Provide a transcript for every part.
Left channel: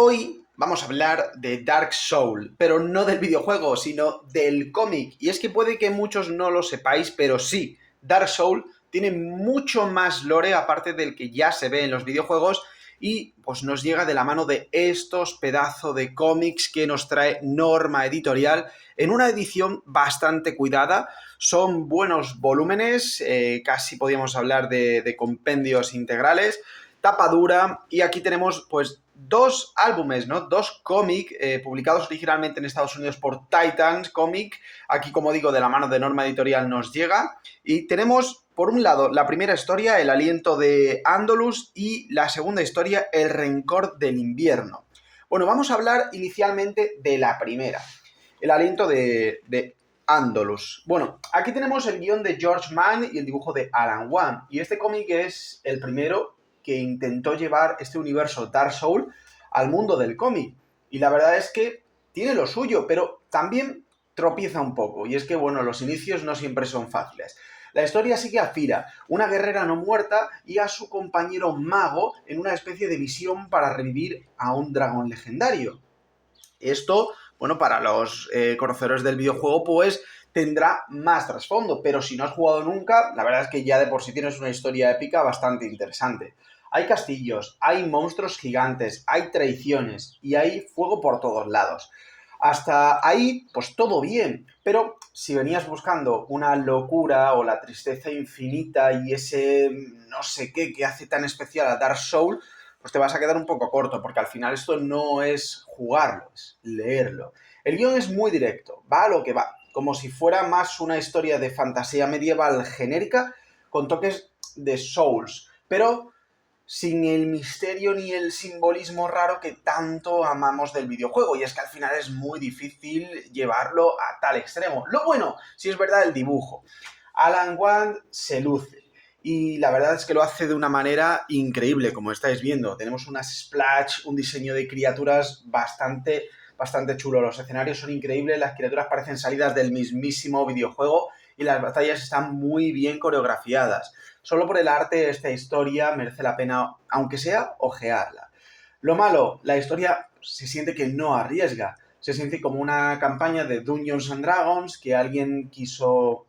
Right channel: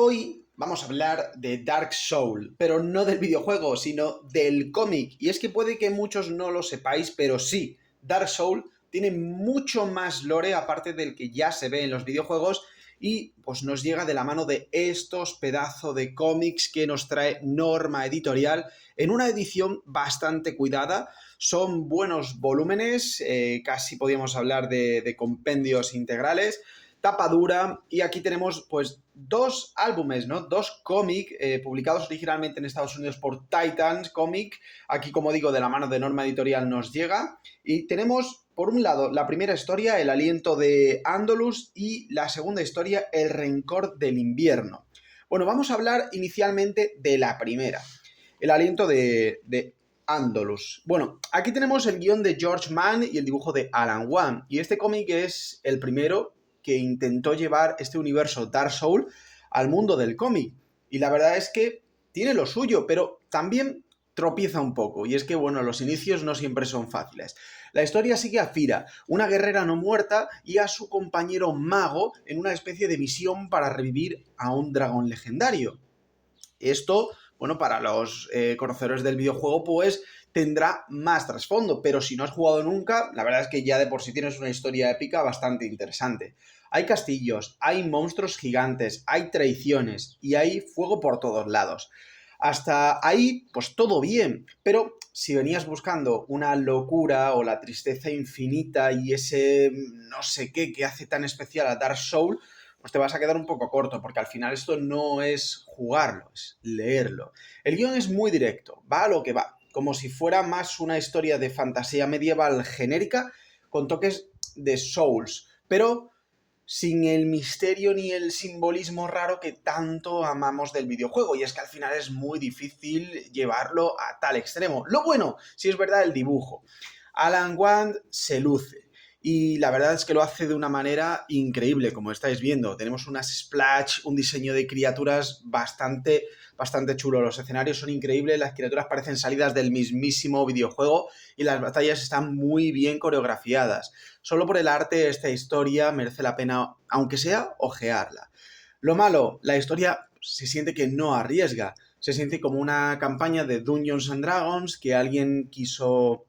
Hoy vamos a hablar de Dark Souls, pero no del videojuego, sino del cómic. Y es que puede que muchos no lo sepáis, pero sí, Dark Souls tiene mucho más lore aparte del que ya se ve en los videojuegos y pues nos llega de la mano de estos pedazos de cómics que nos trae Norma Editorial en una edición bastante cuidada. Son buenos volúmenes, casi podríamos hablar de compendios integrales, tapa dura, y aquí tenemos pues dos álbumes, ¿no? Dos cómics publicados originalmente en Estados Unidos por Titans Comic. Aquí, como digo, de la mano de Norma Editorial nos llega. Y tenemos, por un lado, la primera historia, El aliento de Andalus, y la segunda historia, El rencor del invierno. Bueno, vamos a hablar inicialmente de la primera, El aliento de Andalus. Bueno, aquí tenemos el guión de George Mann y el dibujo de Alan Wang. Y este cómic es el primero que intentó llevar este universo Dark Souls al mundo del cómic. Y la verdad es que tiene lo suyo, pero también tropieza un poco. Y es que, bueno, los inicios no siempre son fáciles. La historia sigue a Fira, una guerrera no muerta, y a su compañero mago en una especie de misión para revivir a un dragón legendario. Esto, bueno, para los conocedores del videojuego, pues tendrá más trasfondo, pero si no has jugado nunca, la verdad es que ya de por sí tienes una historia épica bastante interesante. Hay castillos, hay monstruos gigantes, hay traiciones y hay fuego por todos lados. Hasta ahí, pues todo bien, pero si venías buscando una locura o la tristeza infinita y ese no sé qué que hace tan especial a Dark Souls, pues te vas a quedar un poco corto, porque al final esto no es jugarlo, es leerlo. El guión es muy directo, va a lo que va, como si fuera más una historia de fantasía medieval genérica con toques de Souls, pero sin el misterio ni el simbolismo raro que tanto amamos del videojuego, y es que al final es muy difícil llevarlo a tal extremo. Lo bueno, si es verdad, el dibujo. Alan Wang se luce. Y la verdad es que lo hace de una manera increíble, como estáis viendo. Tenemos unas splash, un diseño de criaturas bastante chulo. Los escenarios son increíbles, las criaturas parecen salidas del mismísimo videojuego y las batallas están muy bien coreografiadas. Solo por el arte, esta historia merece la pena, aunque sea, ojearla. Lo malo, la historia se siente que no arriesga. Se siente como una campaña de Dungeons and Dragons que alguien quiso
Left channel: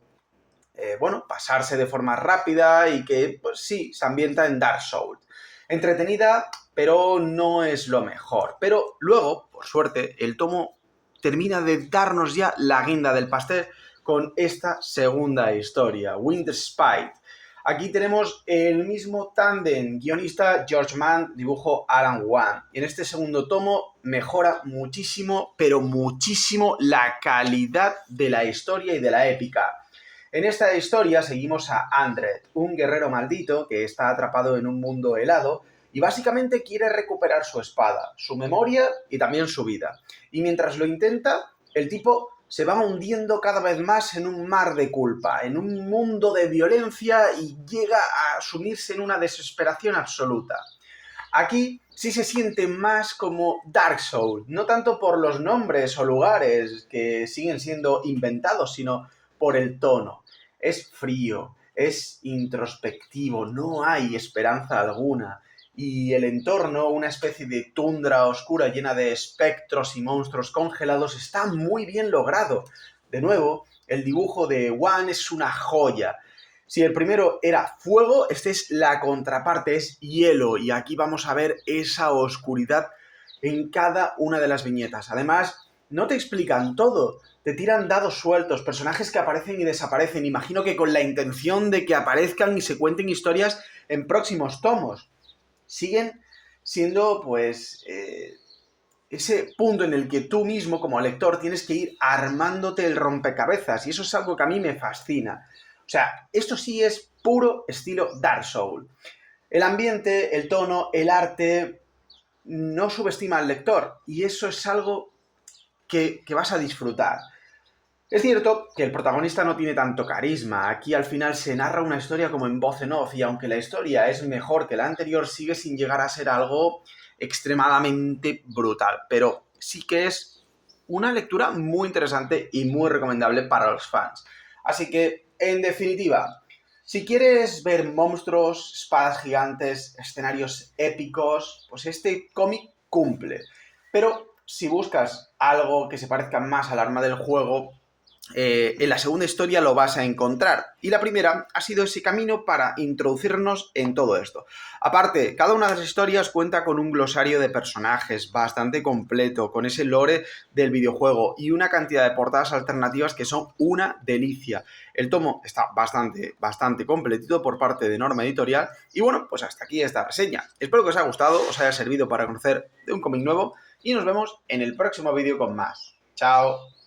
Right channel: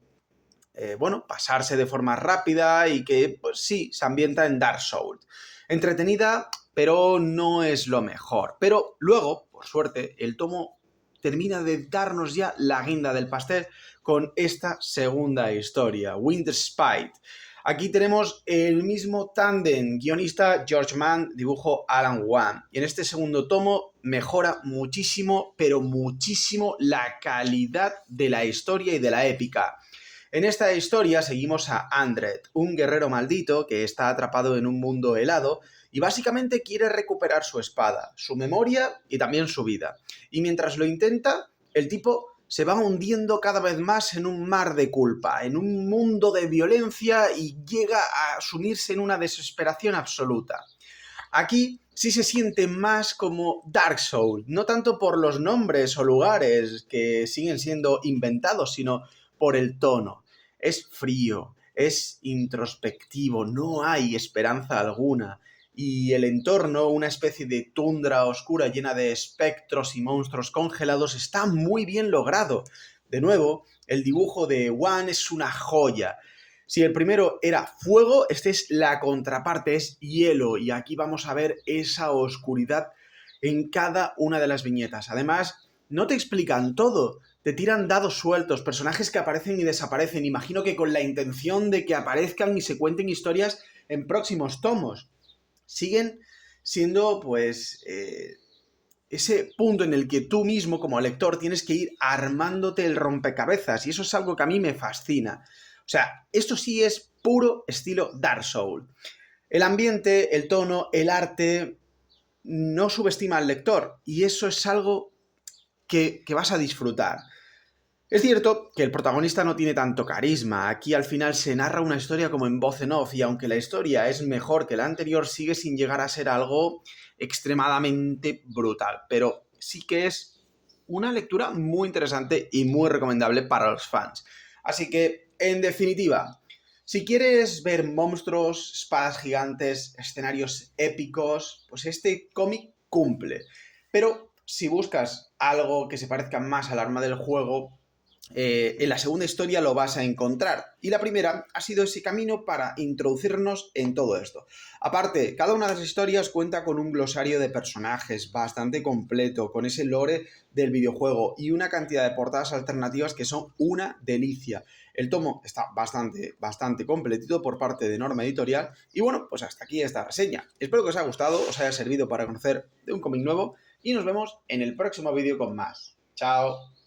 pasarse de forma rápida y que, pues sí, se ambienta en Dark Souls. Entretenida, pero no es lo mejor. Pero luego, por suerte, el tomo termina de darnos ya la guinda del pastel con esta segunda historia, Winter Spite. Aquí tenemos el mismo tándem, guionista George Mann, dibujo Alan Wang. Y en este segundo tomo mejora muchísimo, pero muchísimo, la calidad de la historia y de la épica. En esta historia seguimos a Andred, un guerrero maldito que está atrapado en un mundo helado y básicamente quiere recuperar su espada, su memoria y también su vida. Y mientras lo intenta, el tipo se va hundiendo cada vez más en un mar de culpa, en un mundo de violencia, y llega a sumirse en una desesperación absoluta. Aquí sí se siente más como Dark Souls, no tanto por los nombres o lugares que siguen siendo inventados, sino por el tono. Es frío, es introspectivo, no hay esperanza alguna. Y el entorno, una especie de tundra oscura llena de espectros y monstruos congelados, está muy bien logrado. De nuevo, el dibujo de Wan es una joya. Si el primero era fuego, este es la contraparte, es hielo, y aquí vamos a ver esa oscuridad en cada una de las viñetas. Además, no te explican todo, te tiran dados sueltos, personajes que aparecen y desaparecen, imagino que con la intención de que aparezcan y se cuenten historias en próximos tomos. Siguen siendo, pues, ese punto en el que tú mismo, como lector, tienes que ir armándote el rompecabezas, y eso es algo que a mí me fascina. O sea, esto sí es puro estilo Dark Souls. El ambiente, el tono, el arte no subestima al lector, y eso es algo que vas a disfrutar. Es cierto que el protagonista no tiene tanto carisma. Aquí al final se narra una historia como en voz en off, y aunque la historia es mejor que la anterior, sigue sin llegar a ser algo extremadamente brutal. Pero sí que es una lectura muy interesante y muy recomendable para los fans. Así que, en definitiva, Si quieres ver monstruos, espadas gigantes, escenarios épicos, pues este cómic cumple. Pero si buscas algo que se parezca más al arma del juego, en la segunda historia lo vas a encontrar. Y la primera ha sido ese camino para introducirnos en todo esto. Aparte, cada una de las historias cuenta con un glosario de personajes bastante completo, con ese lore del videojuego y una cantidad de portadas alternativas que son una delicia. El tomo está bastante completito por parte de Norma Editorial. Y bueno, pues hasta aquí esta reseña. Espero que os haya gustado, os haya servido para conocer de un cómic nuevo y nos vemos en el próximo vídeo con más. ¡Chao!